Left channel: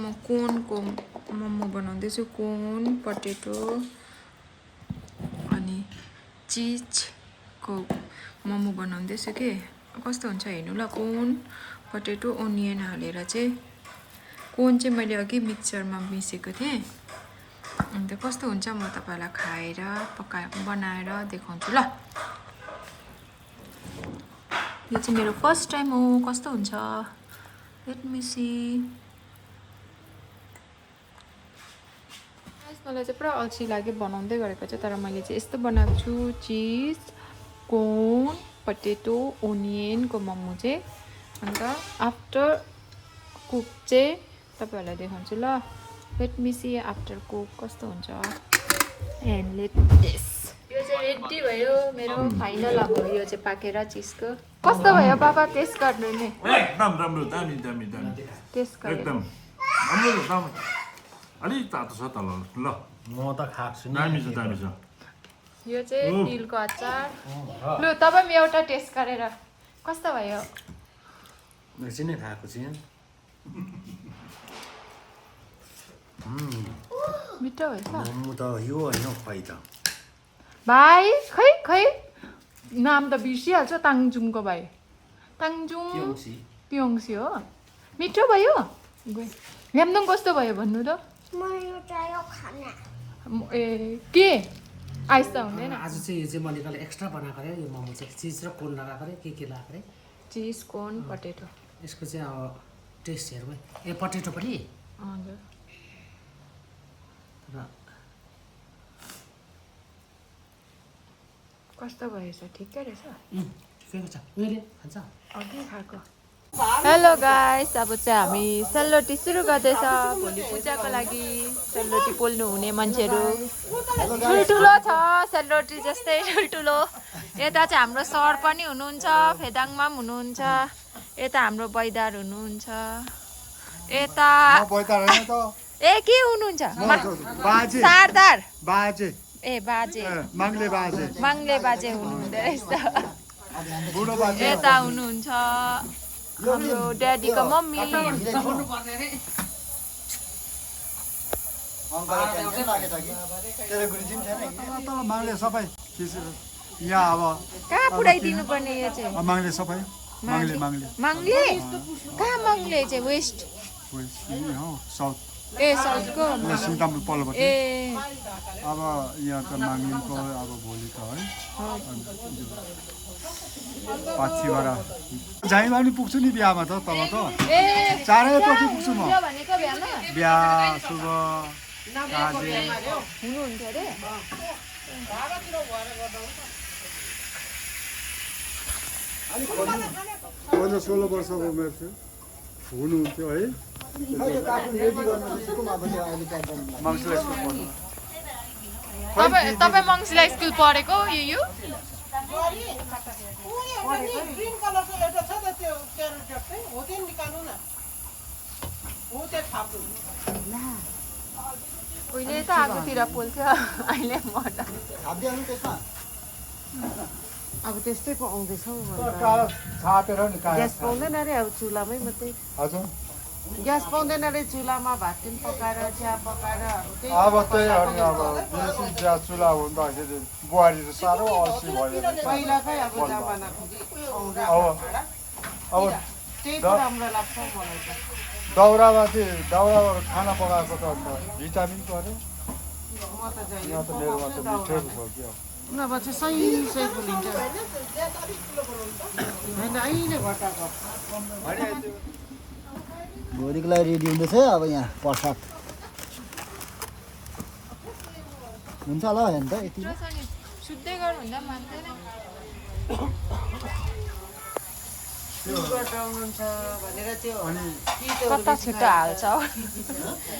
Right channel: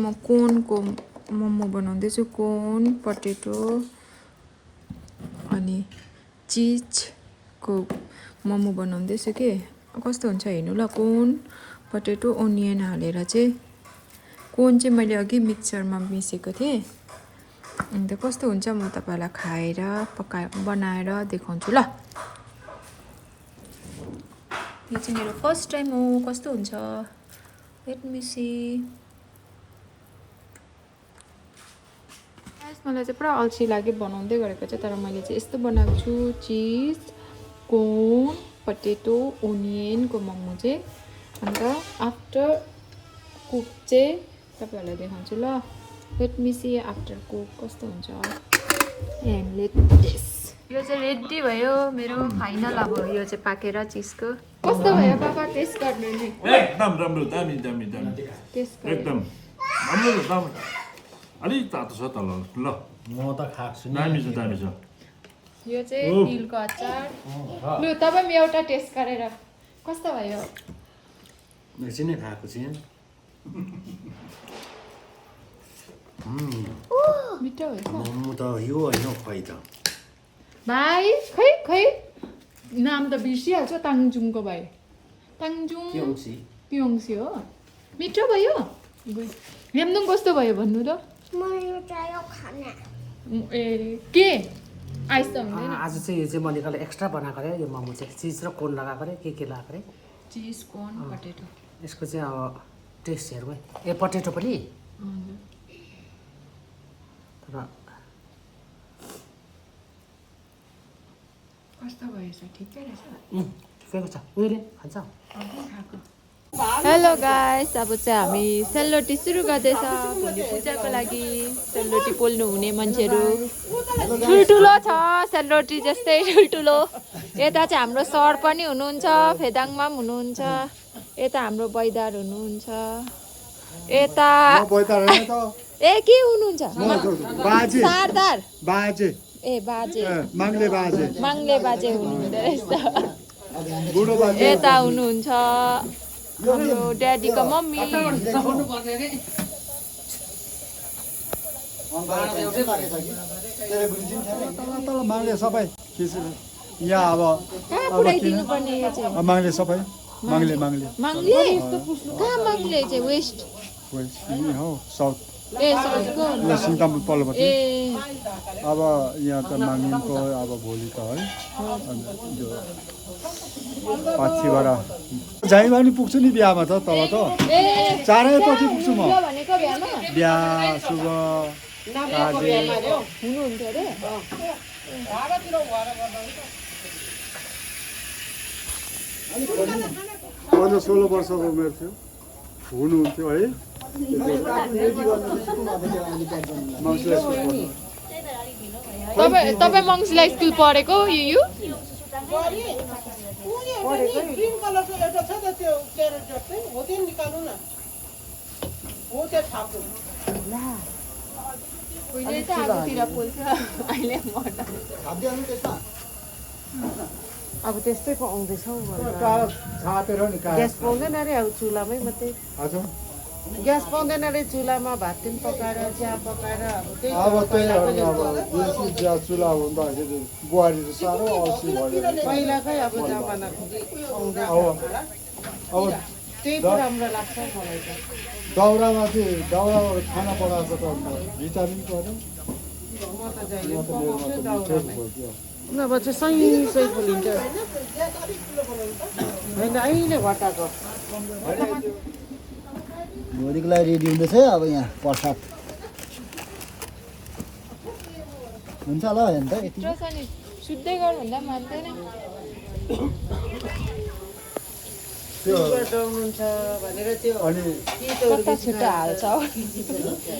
म कोनको मोमो बनाउँदैछु कोन पटेटो अनि चिजको मोमो बनाउँदैछु के कस्तो हुन्छ हेर्नु ल कोन पटेटो ओनियन हालेर चाहिँ कोन चाहिँ मैले अघि मिक्सरमा मिसेको थिएँ अन्त कस्तो हुन्छ म तपाईँलाई खाएर बनाएर देखाउँछु ल यो चाहिँ मेरो फर्स्ट टाइम हो कस्तो हुन्छ लेट मी सी मलाई चाहिँ पुरा अल्छी लाग्यो बनाउँदै गरेको चाहिँ तर मैले चाहिँ यस्तो बनाएको छु चिज कोन पटेटो ओनियनको मोमो चाहिँ अन्त आफ्टर कुक चाहिँ तपाईँहरूलाई देखाउँछु ल let me see after cook कस्तो हुन्छ एन्ड लेट दिस यो चाहिँ रेडी भयो मेरो फाइनल अब यो चाहिँ पाकेर चिजको कस्तो भयो बाबा टेस्ट गर्नु नि एकदम राम्रो दामी दामी दामी टेस्ट एकदम राम्रो छ अलिक तातो छ तल ल म त खाएको छु दामी छ यो चाहिँ तिलको अचार लु तपाईँ एउटा टेस्ट गरेर कस्तो भयो एकछिन नै खाएको छु मिठो भएछ मोमो त यो होइन खै त भाइ खै खै नाम त बिर्सिहाल्छ ताङजुङको भाइ ताङजुङ पियोङसी हो मिठो भयो ल्याम्दुङ कस्तो भयो भन्नु त ए के आइस त हुँदैन आज चाहिँ यो चाहिँ मैले एक्स्ट्रा बनाएको रे यो मोमो चाहिँ चिज र कोन लगाएको रे के लगाएको रे चिज कोन पटेटो यसको चाहिँ अब टेस्ट हेरौँ ए पटेटो पनि हजुर तर कस्तो भएछ ठिकै रहेछ ठिकैको छ उहिले खान्छ अघि खाएको हेलो गाइस अब चाहिँ हामी सेलरोटी सुरु गर्दैछ भोलि पूजाको लागि सेलरोटी पोल्नु हुने मान्छेहरू ठुल्ठुलो छ सेलरोटी जस्तै ठुल्ठुलो यता चाहिँ हाम्रो सर पनि हुनुहुन्छ फेदाङमा पनि हुनुहुन्छ यता हाम्रो बैदार हुनुहुन्छ यता ए के हुनुहुन्छ सरदार बाजे ए बाजे माङ्ले बाजे माङ्ले बाजे हुनुहुँदो रहेछ बुढो बाजे यता हुनुहुन्छ हाम्रो ड्याडीको मम्मी तल माग्ले सबै यहाँ अब कहाँ पुऱ्याइदिनु पर्ने यो चाहिँ माग्ले सबै माग्ले माग्ले माङ्ले कहाँ माङ्ले चाहिँ वेस्ट यहीँ हो साउथ ए साउथको यहाँ सिङ्तामपुर पल्लोपट्टि ए अब यहाँ त माग्नेको अब भोलि त है अन्त यो पाछीबाट झैँमा पनि पुग्छु नि बिहामा त तल त ए चारैपट्टि पुग्छु म भनेको बिहामा बिहा शुभ काजे हुनुहुन्थ्यो अरे 16 वर्षको उमेर थियो हुनुहुन्थ्यो है तपाईँ मङ्सिला स्कुल पढेको यु पहिले त आगोतिर पोल्थ्यो अहिले अब त्यस्तै पाउँदैछ हौ ग्यास पाउँदैन रे अब चुलामै मात्रै ग्यास पाउँदैन रे चुलामा भात पनि पकाएर चिया पकाएर अब त्यही अब त्यही देशी ग्यास चुला हुँदाखेरि बुहारी त साह्रो अल्छी भयो पहिलाकै अब जमाना आउँदैछ अब त्यही पो राम्रो लाग्छ मलाई त दाउरामा खाना पकाएको त भिटामिन पर्यो म त जहिले पकाउँछु दाउरामै नभए चाहिँ सही फुलिन्छ होइन अहिले घटाएको भोलिको लागि रेडी हुँदैछ अब यहाँ प्रसाद हुन्छ होला होइन त यति सुत्दै गर भन्दा मान्दैन हुनुहुन्छ भनेर त्यो अनि कता छिटो हाल्छ हौ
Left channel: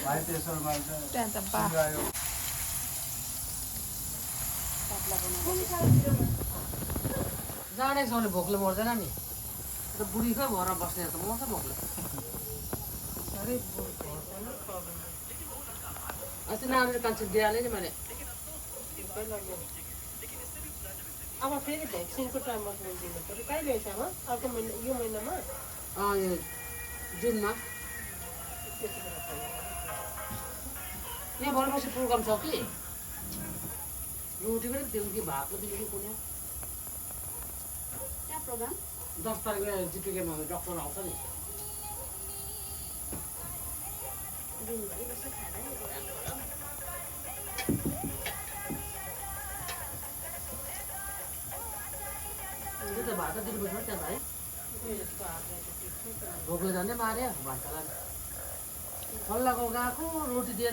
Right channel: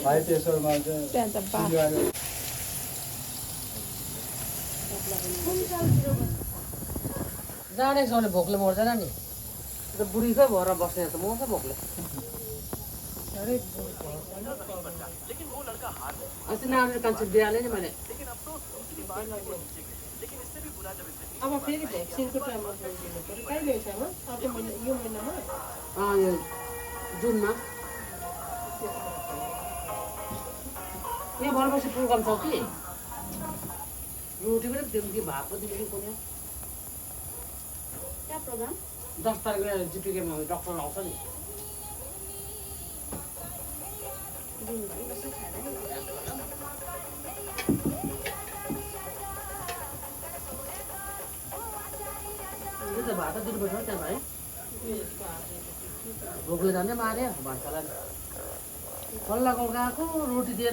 हाई प्रेसरमा त्यहाँ त बा जाने साउने भोकले मर्दैन नि बुढीकै भएर बस्ने त मर्छ भोकले अस्ति नानीले कान्छे बिहानै नि मैले अब फेरि भ्याक्सिनको टाइममा दिनु पऱ्यो कहिले हिसाबमा अब यो महिनामा यो जुनमा यहाँ भनेपछि प्रोग्राम छ कि रोटी पनि दिनु कि भात पनि दिनु कुनै क्या प्रोग्राम 10 तारिकले जिपिकेमा डक्टर आउँछ नि त्यो त भात दिनुपर्छ त्यहाँ भाइ भोकले जाने मार्यो भान्सालाई फल्लाको गएको रोटी दिएर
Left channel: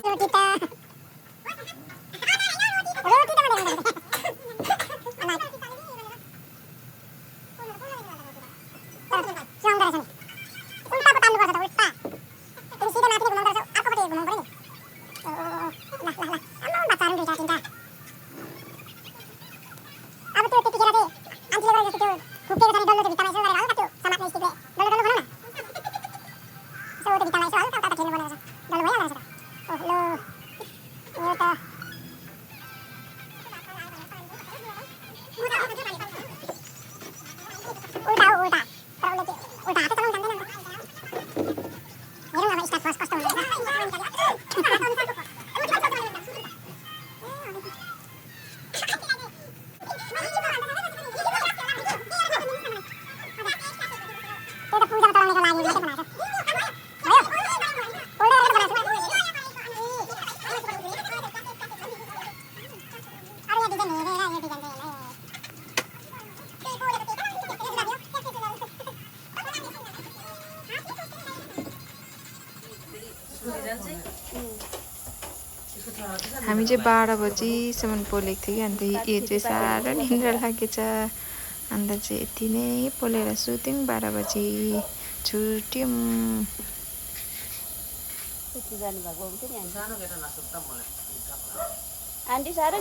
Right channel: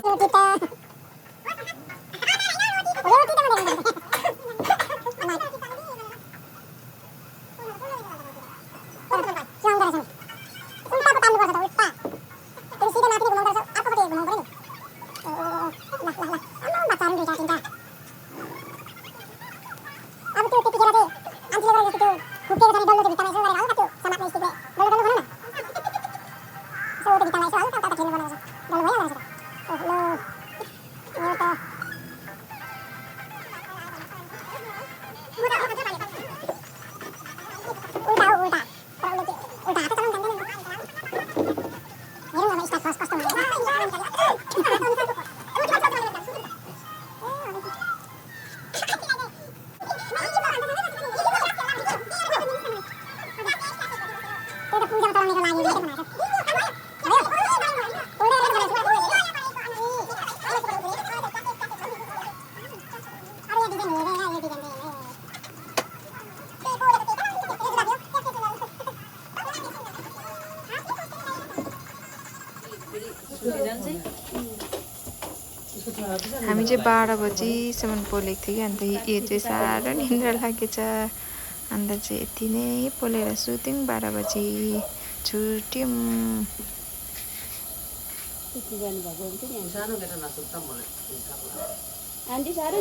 हामी चाहिँ 12 बजीसम्म पोलेको थियो कि अन्त यो चाहिँ साह्रो निन्द्रा लागेछ अन्त चाहिँ यति नै पोलेर सुत्यौँ 12 बजी छुट्यौँ आन्टी साह्रो